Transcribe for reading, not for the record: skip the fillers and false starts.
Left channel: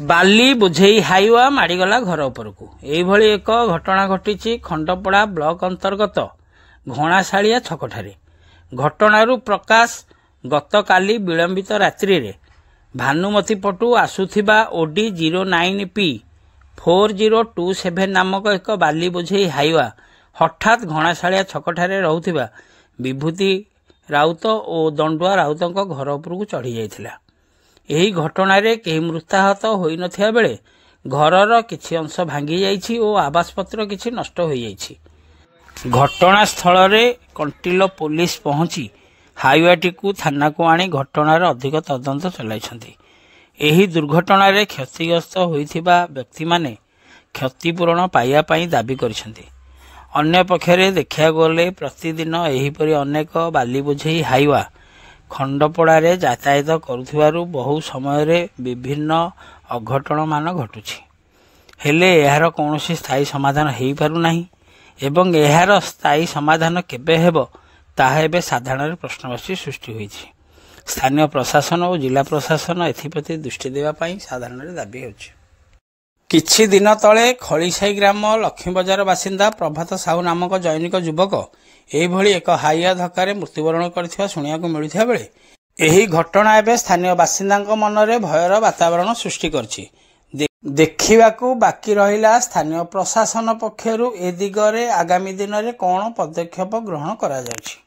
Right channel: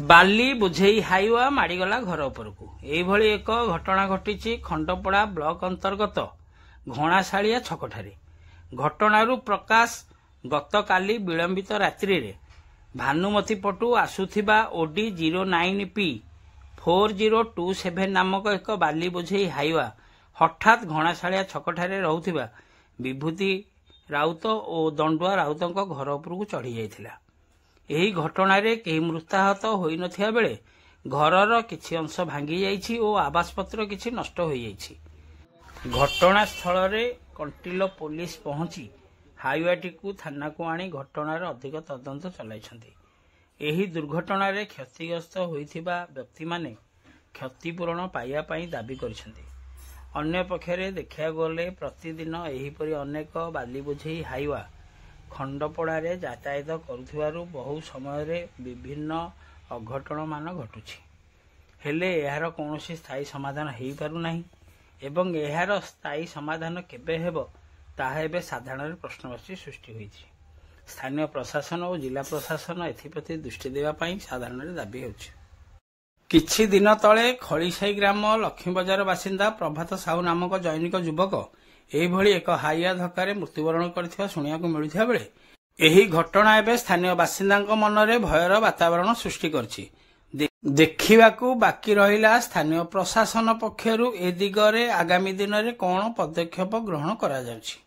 बाली बोझेई Hyva माड़गला घर उपरकू एभली एक घटना घटी खंडपड़ा ब्लॉक अंतर्गत घणाशालिया छकठारे। घटनारू प्रकाश गतकाली विलंबित रात्रि रे भानुमती पटू आसुथिबा ओडी 09P 4027 नामक एक बाली बोझेई हाइवा हठात घणाशालिया छकठारे रहुथिबा विभूति राउत और दंडुआ राउतों घर उपरकू चढ़ी जाइथिला। एही घटनारे केही मृताहत होई नथिया बेले घरर किछि अंश भांगी जाइछि और आवासपत्र किछि नष्ट होई जाइछि। घटनास्थल रे कंटिलो पुलिस पहुंची हाइवाटी को थाना को आनी घटनार अधिक तदंत चलाइछन्ति। एही दुर्घटनारे क्षतिग्रस्त होइथिबा व्यक्ति माने क्षतिपूरण पाइया पई दाबी करिसन्ति। अन्य पक्षरे देखिया गले प्रतिदिन एहीपरि अनेक बाली बोझेई हाइवा खंडपड़ारे यातायात करुथिबारु बहु समय रे विभिन्न अघटन मान घटुछि। हेले एहार कौनसी स्थायी समाधान हेई पारु नाही एवं एहार स्थायी समाधान केबे हेबो ताहा एबे साधारण प्रश्नवाची सृष्टि होइछि। स्थानीय प्रशासन और जिला प्रशासन एथिप्रति दृष्टि देवा पई साधारण दाबी होछि। किछि दिन तले खळीसाई ग्राम लक्ष्मी बजार बासिंदा प्रभात साहू नामक जैनिक युवक एभली एक हाइवा धक्का मृत्युवरण करथिबा सुनियाको मिलुथिबा बेले एही घटना एबे स्थानीय बासिंदाଙ୍କ मनरे भयर वातावरण सृष्टि करछि। देखिबाकू बाकी रहिला स्थानीय प्रशासन पक्षरु ए दिगरे आगामी दिन रे कोन पदक्षेप ग्रहण करा जाउछि।